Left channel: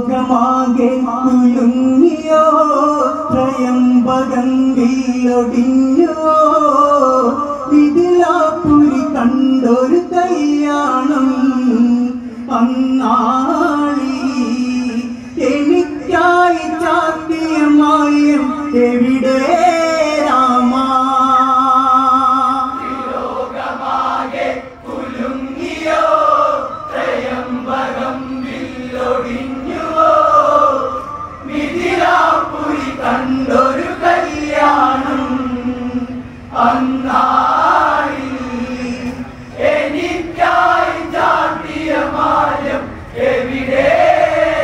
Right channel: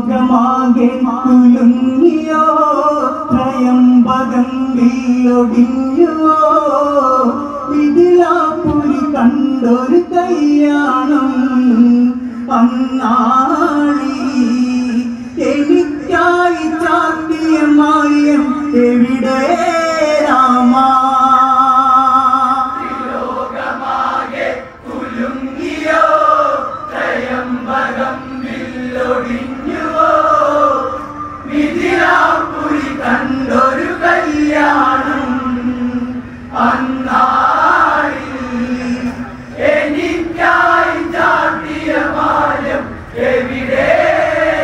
ലോകമാകെ കുലുങ്ങിയോ ത്രയംബകം വില്ലൊടിഞ്ഞുവോ ഇതിലാപ്പുരി കണ്ടൊരു കല്യാണം അന്നാളി എനിക്കായി ചാത്തിയ മായം എവിടെ രാമാ ലോകമാകെ കുലുങ്ങിയോ ത്രയംബകം വില്ലൊടിഞ്ഞുവോ മിഥിലാപുരി കണ്ടൊരു കല്യാണം അന്നാളിൽ എനിക്കായി ചാട്ടിയ മായം എവിടെ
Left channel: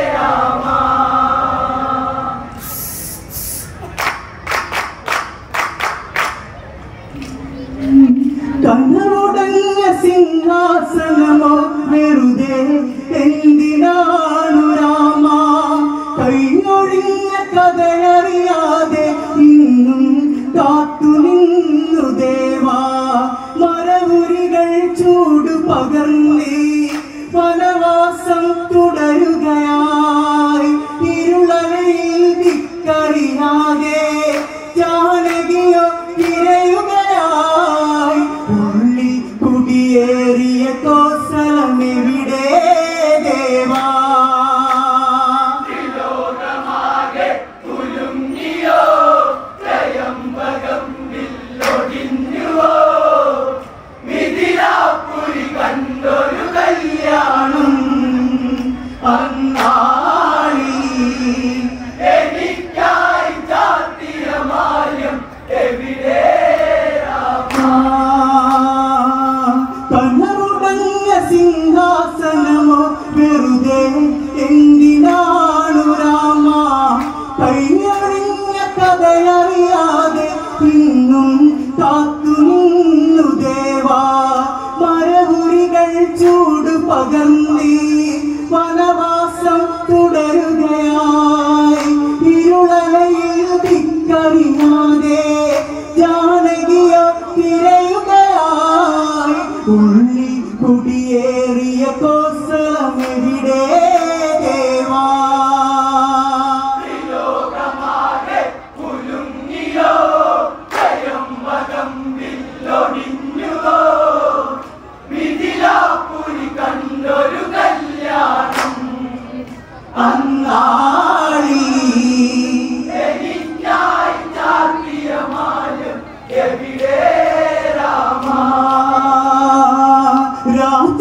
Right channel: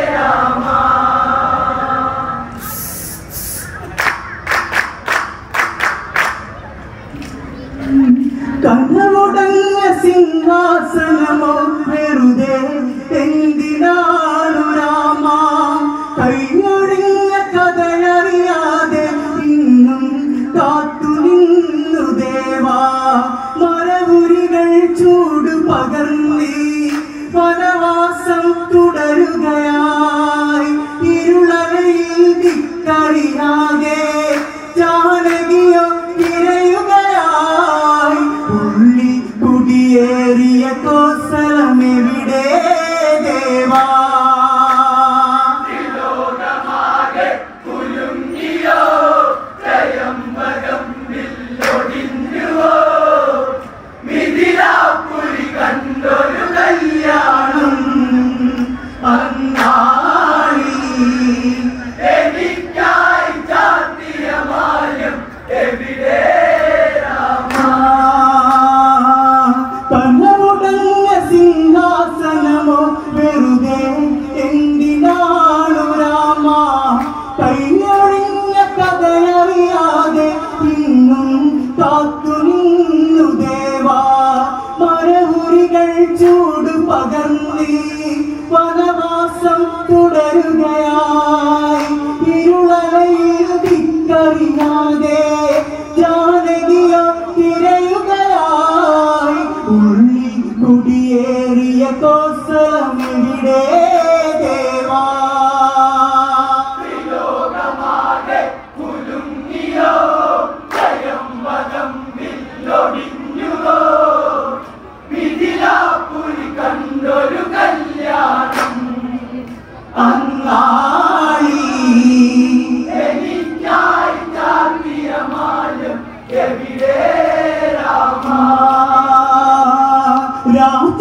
രാമാ കണ്ണുടഞ്ഞ സിംഹാസനമോ വെറുതെ എന്തിനാണു രാമ കൈയൊഴിഞ്ഞ കഥയറിയാതെ ഇന്നും കാത്തു നിന്നു ദേവാ മരമുരികൾ ചൂട് പകർന്നീ വനവാസം തുടരുകയായി ഇരുളവയിൽ ദിക്കറിയാതെ ജാനകിയോ ഇരയുകയായി ഉള്ളി കുടിയേറിയ കോസലമെവിടെ ദേവാ ലോകമാകെ കുലുങ്ങിയോ ത്രയംബകം വില്ലൊടിഞ്ഞുവോ മിഥിലാപുരി കണ്ടൊരു കല്യാണം അന്നാളി എനിക്കായി ചാത്തിയ മായം എവിടെ രാമാ കണ്ണുടഞ്ഞ സിംഹാസനമോ വെറുതെ എന്തിനാണു രാമ കൈയൊഴിഞ്ഞ കഥയറിയാതെ ഇന്നും കാത്തു നിന്നു ദേവാ മരമുരികൾ ചൂട് പകർന്നീ വനവാസം തുടരുകയായി ഇരുളലയിൽ ദിക്കറിയാതെ ജാനകിയോ തിരയുകയായി ഉള്ളി കുടിയേറിയ കോസലമെവിടെ ദേവാ ലോകമാകെ കുലുങ്ങിയോ ത്രയംബകം വില്ലൊടിഞ്ഞുവോ മിഥിലാപുരി കണ്ടൊരു കല്യാണം അന്നാളി എനിക്കായി ചാത്തിയ മായം എവിടെ രാമാ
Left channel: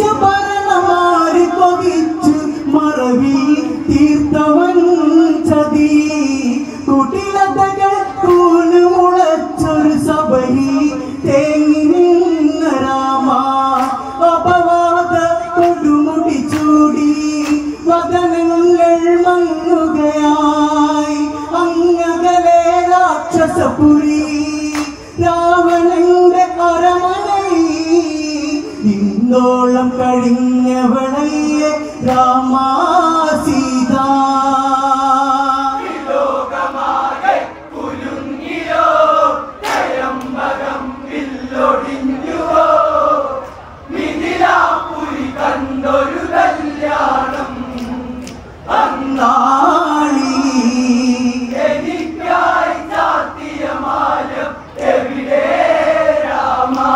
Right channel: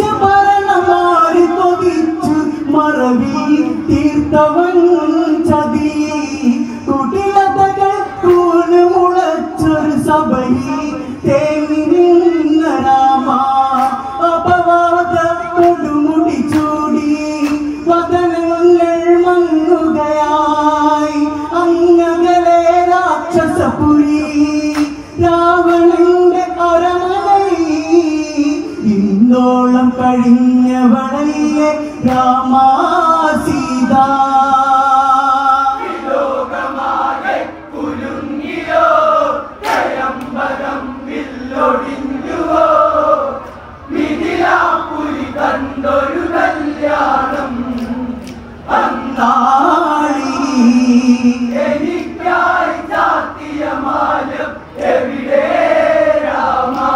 രാജ്യഭരണമാരി കൊതിച്ച് മറവിൽ തീർത്തവൻ ചതി കുടിലതകൾ കൂനുമുളച്ചൊരു സഭയിൽ തേങ്ങി നിന്ന രാമ അപവാദ കൊടുമുടി ചൂടി വദനങ്ങൾ മങ്ങുകയായി അങ്ങകലെ രാക്ഷസപുരി രാവണന്റെ അരമനയിൽ ഇന്നോളം കഴിഞ്ഞവളയെ രാമാ സീത ലോകമാകെ കുലുങ്ങിയോ ത്രയംബകം വില്ലൊടിഞ്ഞുവോ മിഥിലാപുരി കണ്ടൊരു കല്യാണം അന്നാളി എനിക്കായി ചാത്തിയ മായം എവിടെ രാമാ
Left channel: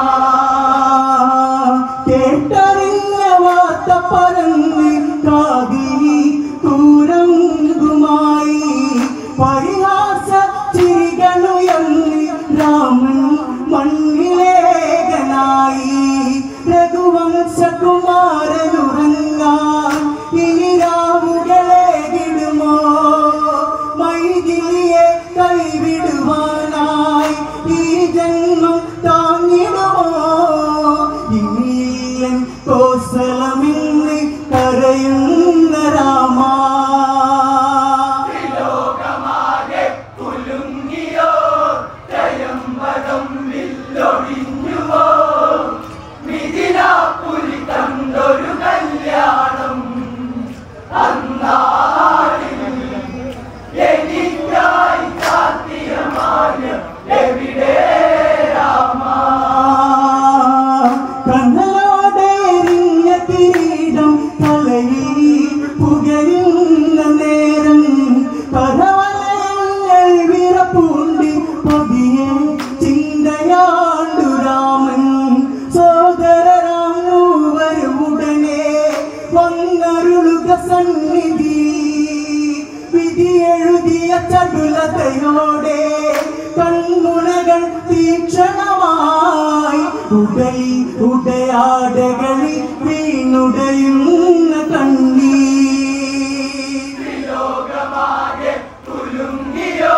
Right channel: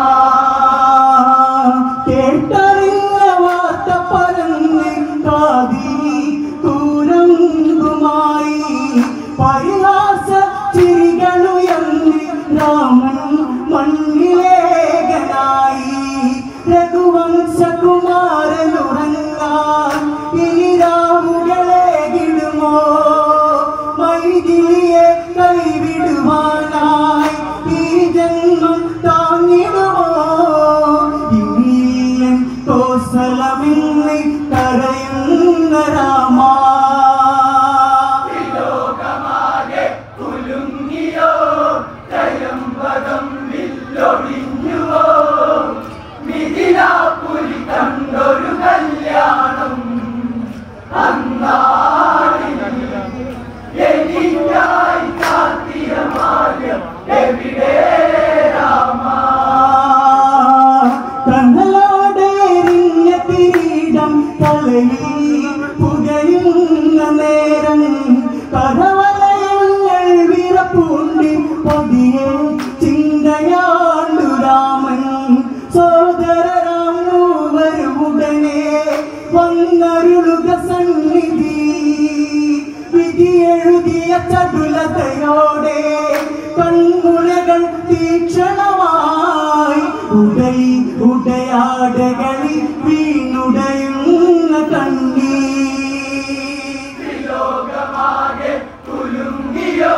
കേട്ടറിഞ്ഞ വാർത്ത പറഞ്ഞ് ചടുലതയോടെ കൺമുനകൾ തീക്ഷണമായി ഉടയാടകളിൽ വീണുടയുന്ന കണ്ണീർ ലോകമാകെ കുലുങ്ങിയോ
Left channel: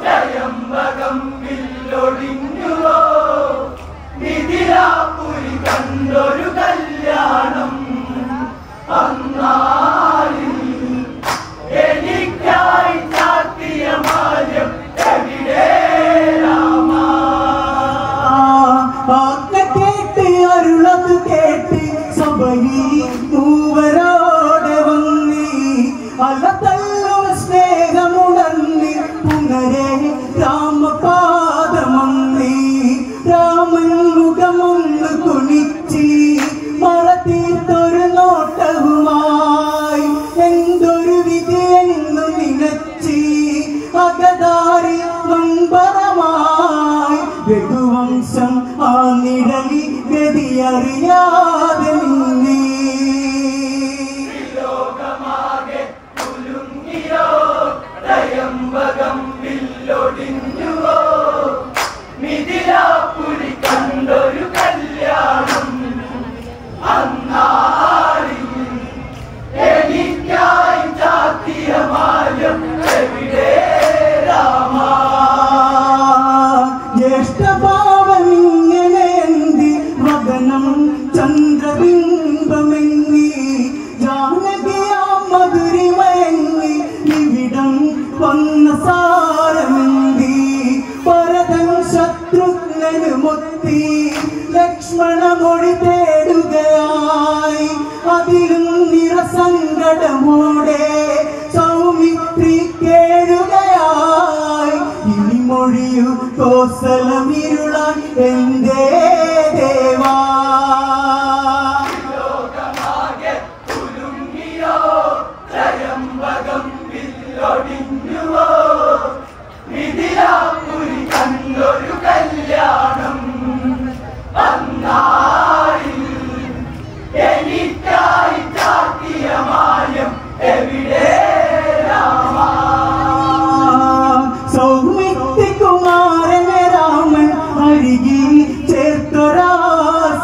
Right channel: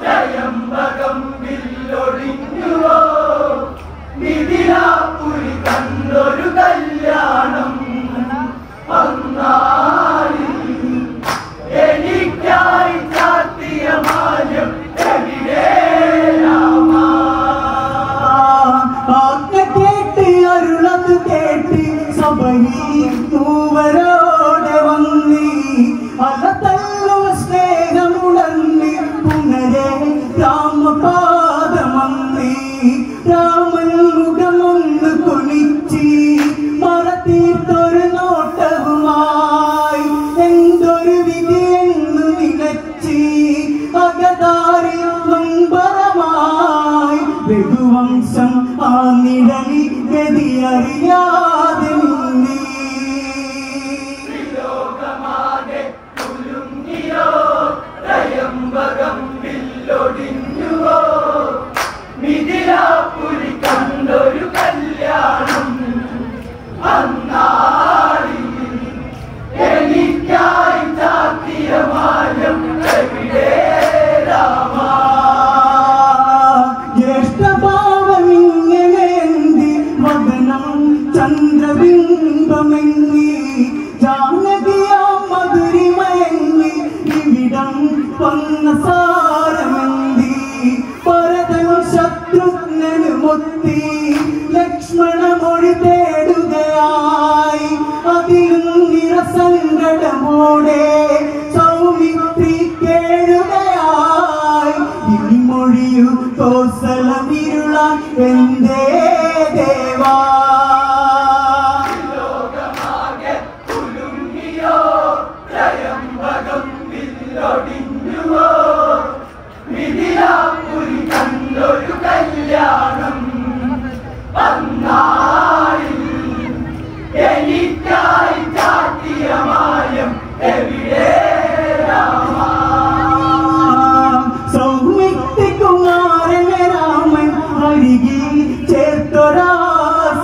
ത്രയംബകം വില്ലൊടിഞ്ഞുവോ മിഥിലാപുരി കണ്ടൊരു കല്യാണം അന്നാളിൽ എനിക്കായി ചാർത്തിയ മായം എവിടെ രാമ കേട്ട് അരുളത് കേട്ട് സഭയിൽ മൂവരോടെ വന്നി അലതല്ലോ സ്നേഹമുണർന്നി പുനരെ രാമപാദമന്നി രാമൻ മുഖമൊന്ന് കുണിച്ച് മറത്തീർത്തൊരു നോട്ടവുമായി എന്തൊരു വിധിയെന്നു നിലച്ച് അകതാരി നൊമ്പരമായി രഘുവംശം ആ നിഴലി ഗതിയറിയാതെ നിന്നീ ലോകമാകെ കുലുങ്ങിയോ ത്രയംബകം വില്ലൊടിഞ്ഞുവോ മിഥിലാപുരി കണ്ടൊരു കല്യാണം അന്നാളിൽ എനിക്കായി ചാർത്തിയ മായം എവിടെ രാമ ജ്യേഷ്ഠഭാവമിങ്ങനെന്തി വദനം ചന്ദ്രബിംബമെന്നി ജാനകിയാം മധുരിമയെന്നി ഇവിടം വന്ന സാരമെന്തി ഭരതൻ ശത്രുഘ്നന് മുത്തി ലക്ഷ്മണ മൊഴി തേടുകയായി അതിലും നിറസങ്കടമോടെ സൗമിത്രി കേഴുകയായി ഇനി മൊഴിയു കോസലമിരുളാൻ എന്തേ ദേവാ ലോകമാകെ കുലുങ്ങിയോ ത്രയംബകം വില്ലൊടിഞ്ഞുവോ മിഥിലാപുരി കണ്ടൊരു കല്യാണം അന്നാളിൽ എനിക്കായി ചാർത്തിയ മായം എവിടെ രാമ സൗമിത്രികുമാരനെ രാമൻ അരികിൽ ചേർത്തൊരാ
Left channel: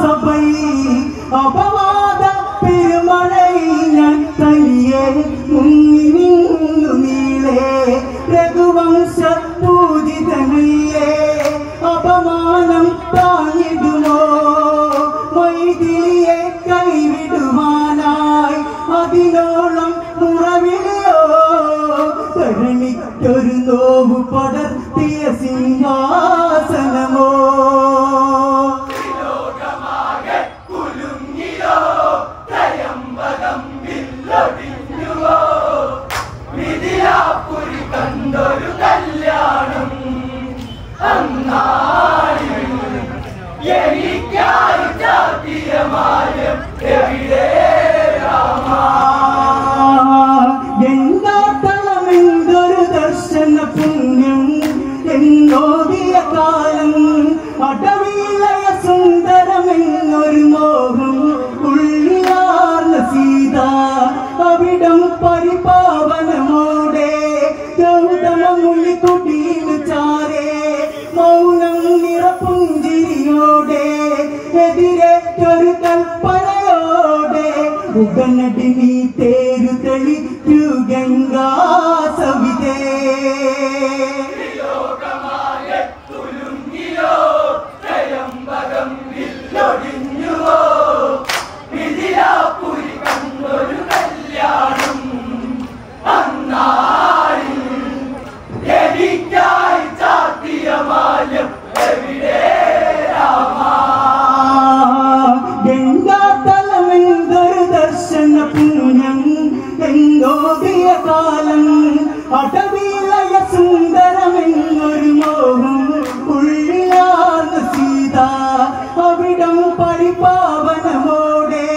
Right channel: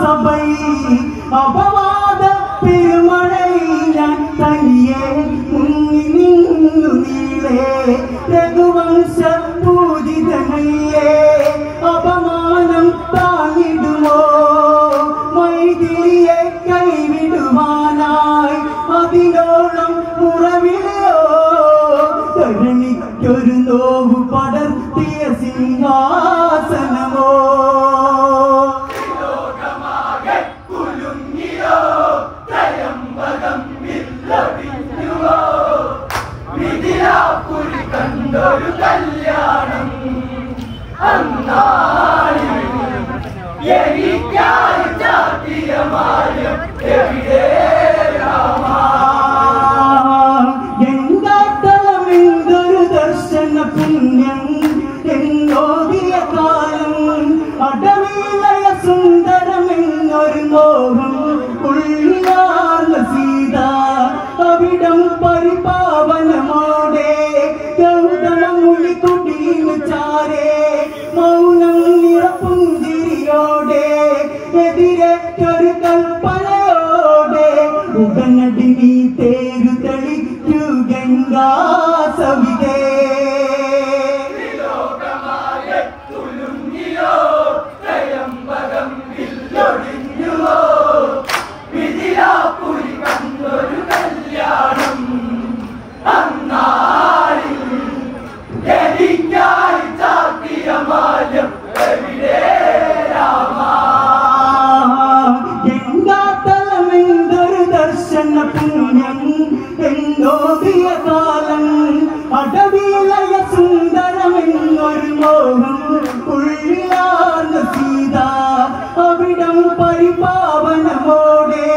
സഭയിൽ അപവാദ പെരുമഴയിൽ ഞാൻ തനിയെ മുങ്ങി നിന്നു നീളേ രഘുവംശ പൂജിതനല്ലേ അപമാനം താങ്ങിടുമോ മൈഥിലിയെ കൈവിടുവാനായി അതിനോളം മുറവിളിയോ കരുണിക്കൊരു നോവു പടർത്തിയ സിംഹാസനമോ ലോകമാകെ കുലുങ്ങിയോ ത്രയംബകം വില്ലൊടിഞ്ഞുവോ മിഥിലാപുരി കണ്ടൊരു കല്യാണം അന്നാളിൽ എനിക്കായി ചാർത്തിയ മായം എവിടെ രാമ ഗംഗാതലമെന്തൊരു ദർശന പുണ്യം എന്നോദിയ കാലം അടവിലയ സുന്ദരമെന്നൊരു മോഹം ഉള്ളിയാർന്ന സീത അവിടം പരിപാവനമോടെ ഗൗതമ മുനി കുടീന് ചാരേ മൗനം നിറപുഞ്ചിരിയോടെ എതിരേറ്റൊരു കൽപ്പനയോടെ ഉടനടി നീ തേരു തെളിക്കു ഗംഗാ സവിതേ ലോകമാകെ കുലുങ്ങിയോ ത്രയംബകം വില്ലൊടിഞ്ഞുവോ മിഥിലാപുരി കണ്ടൊരു കല്യാണം അന്നാളിൽ എനിക്കായി ചാർത്തിയ മായം എവിടെ രാമ ഗംഗാതലമെന്തൊരു ദർശന പുണ്യം എന്നോദിയ കാലം അടവിലയ സുന്ദരമെന്നൊരു മോഹം ഉള്ളിയാർന്ന സീത അവിടം പരിപാവനമോടെ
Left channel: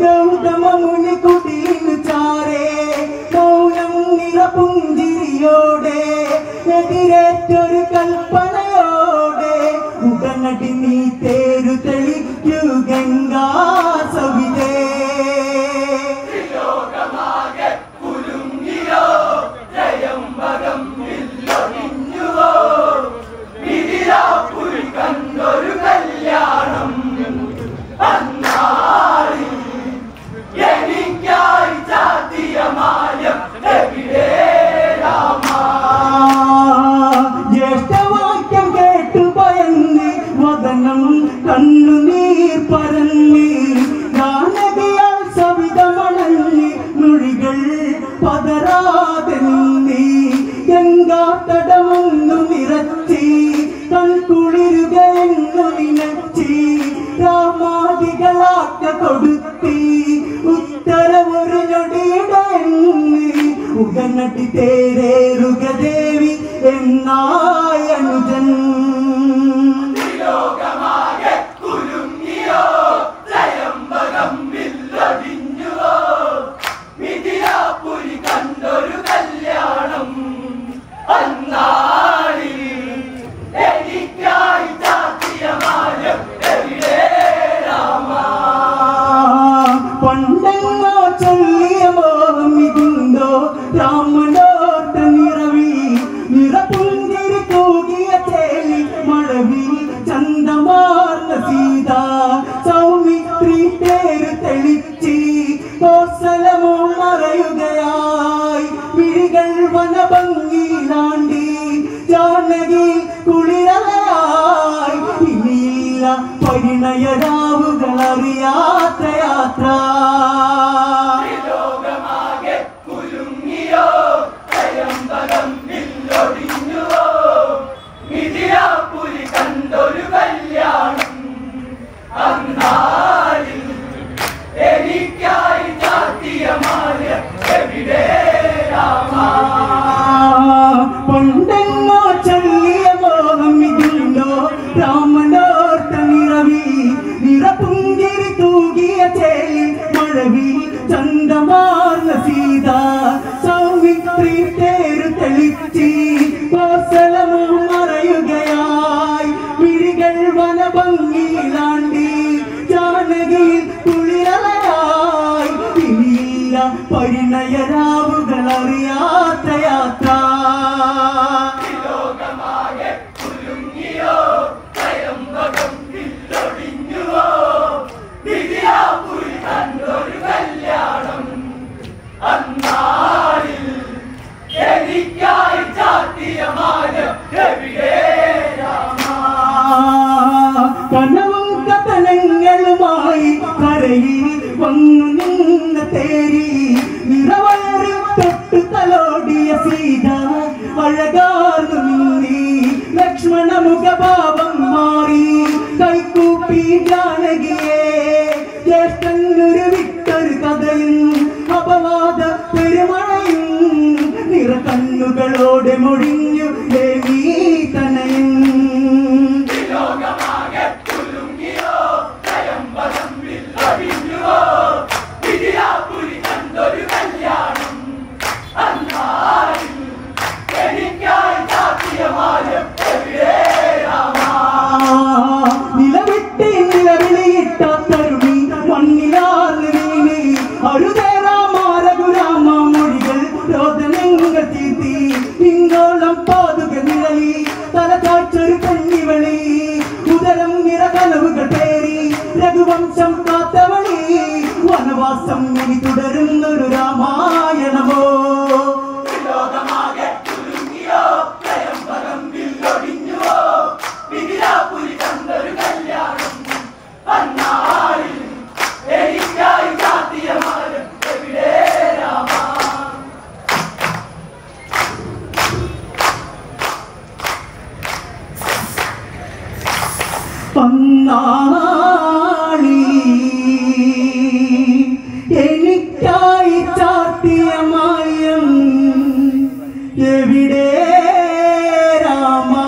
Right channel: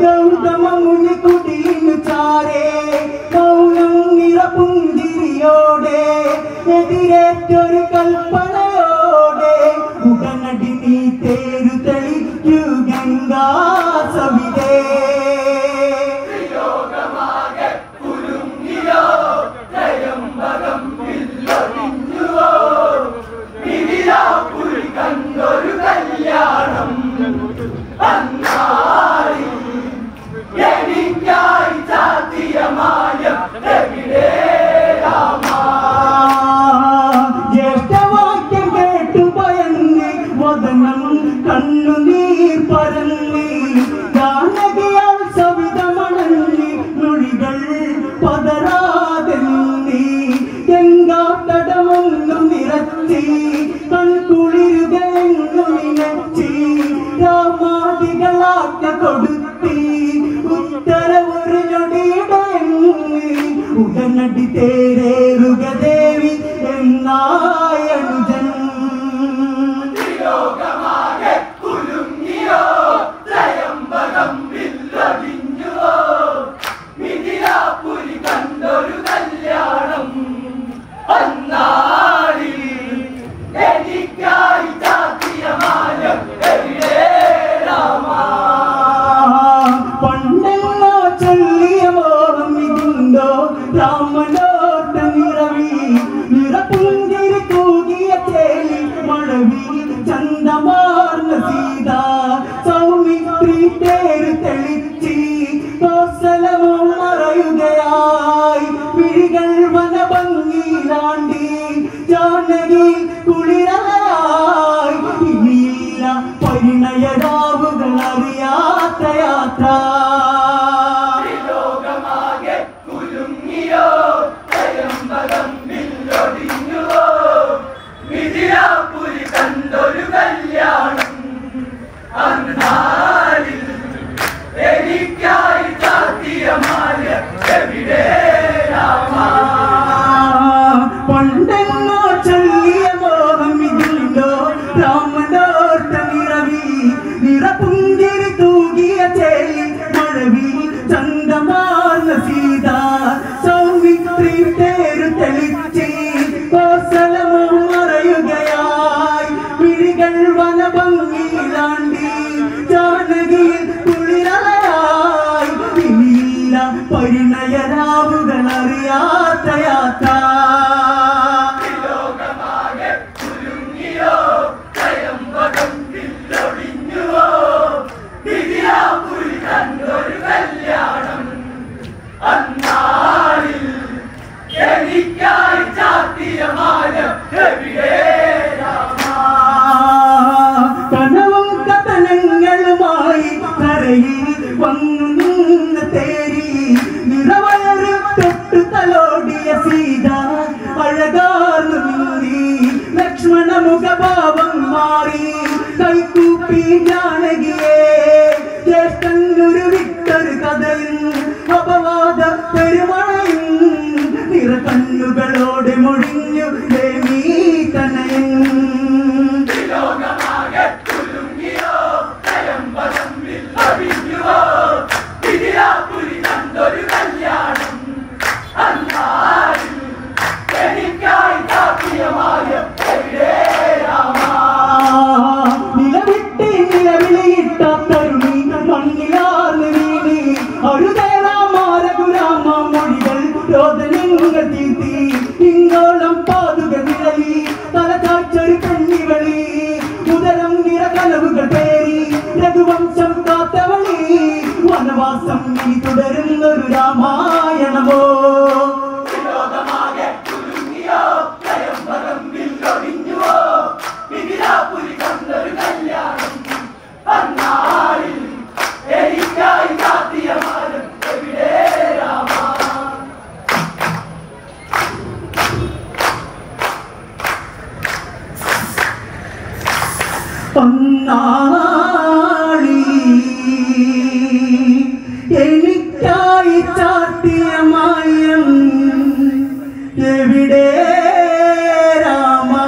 ഗൗതമ മുനി കുടീന് ചാരേ മൗനം നിറപുഞ്ചിരിയോടെ എതിരേറ്റൊരു കൽപ്പനയോടെ ഉടനടി നീ തേരു തെളിക്കു ഗംഗാ സവിതേ ലോകമാകെ കുലുങ്ങിയോ ത്രയംബകം നിന്നു നിനച്ചി രാമാദികളാക്ക കൊടുത്തി ഉത്തരവൊരു ഞൊടിയുടെ ഉടനടി തേരേറുക ദേവി എന്നായനുജൻ ലോകമാകെ കുലുങ്ങിയോ ത്രയംബകം വില്ലൊടിഞ്ഞുവോ മിഥിലാപുരി കണ്ടൊരു കല്യാണം അന്നാളിൽ എനിക്കായി ചാത്തിയ മാനം എവിടെ രാമാ പണ്ടെന്നോ ചൊല്ലിയ മോഹം ഇതുണ്ടോ രാമനോട്ട നിറവി നിറപുഞ്ചിരി തൂകിയ തേലി മഴവി ചന്തമാർന്ന സീത സൗമിത്രി തേര് തെളിച്ചി കോസലമോ മറയുകയായി വിഴികൾ വനഭംഗിയിലാണ്ടി ജാനകി കുളിരലയായി ഇനിയില്ല പരിണയരാവുകൾ അറിയാത്ത യാത്ര ലോകമാകെ കുലുങ്ങിയോ ത്രയംബകം വില്ലൊടിഞ്ഞുവോ മിഥിലാപുരി കണ്ടൊരു കല്യാണം അന്നാളിൽ എനിക്കായി ചാത്തിയ മാല എവിടെ രാമാ പണ്ടെന്നോ ചൊല്ലിയ മോഹം ഇതുണ്ടോ രാമനോട്ട നിറവി നിറപുഞ്ചിരി തൂകിയ ചേലി മഴവി ചന്തമാർന്ന സീത സൗമിത്രി തേരു തെളിച്ചി കോസലമോ മറയുകയായി വിഴികൾ വനഭംഗിയിലാണ്ടി ജാനകിയിൽ കുളിരലയായി ഇനിയില്ല പരിണയരാവുകൾ അറിയാത്ത യാത്ര ലോകമാകെ കുലുങ്ങിയോ ത്രയംബകം വില്ലൊടിഞ്ഞുവോ മിഥിലാപുരി കണ്ടൊരു കല്യാണം അന്നാളിൽ എനിക്കായി ചാത്തിയ മാനം എവിടെ രാമാ കനവും കഥനങ്ങളുമായി കരയിൽ വന്നു നിന്ന തേരി നിറവയറ് തൊട്ടു തലോടിയ സീത അഴകാർന്നു നിന്നി ലക്ഷ്മണ മുഖഭാവം മാറി കൈക്കൂപ്പി ജാനകിയെ ജ്യേഷ്ഠനൊരു വിട്ടൊരു കഥയും അപവാദ പെരുമഴയും നിറകണ്ണുകളോടെ മൊഴിഞ്ഞു ദേവീ തനയൻ ലോകമാകെ കുലുങ്ങിയോ ത്രയംബകം വില്ലൊടിഞ്ഞുവോ മിഥിലാപുരി കണ്ടൊരു കല്യാണം അന്നാളിൽ എനിക്കായി ചാത്തിയ മായം എവിടെ രാമാ നിലവിട്ട് നിലവിളിയിട്ട തരുണി മണ്ണിലാർന്ന് വീണി അരുതേരാമാരഘുരാമ മൊഴികൾ രോദനങ്ങൾ തീർത്തി ഇങ്ങോളം പാതുക നിഴലി തലചാച്ചൊരു കണ്ണികളി മുതലും നിറകലവുകൾ പേരി രഘുവംശം കാത്തവണി വനവാസം ഇനി തുടരുന്നൊരു രാമായണമോ ലോകമാകെ കുലുങ്ങിയോ ത്രയംബകം വില്ലൊടിഞ്ഞുവോ മിഥിലാപുരി കണ്ടൊരു കല്യാണം അന്നാളിൽ എനിക്കായി ചാത്തിയ മാനം എവിടെ രാമാ പൊന്നാളി എനിക്കായി ചാർത്തിയ മായം എവിടെ രാമാ.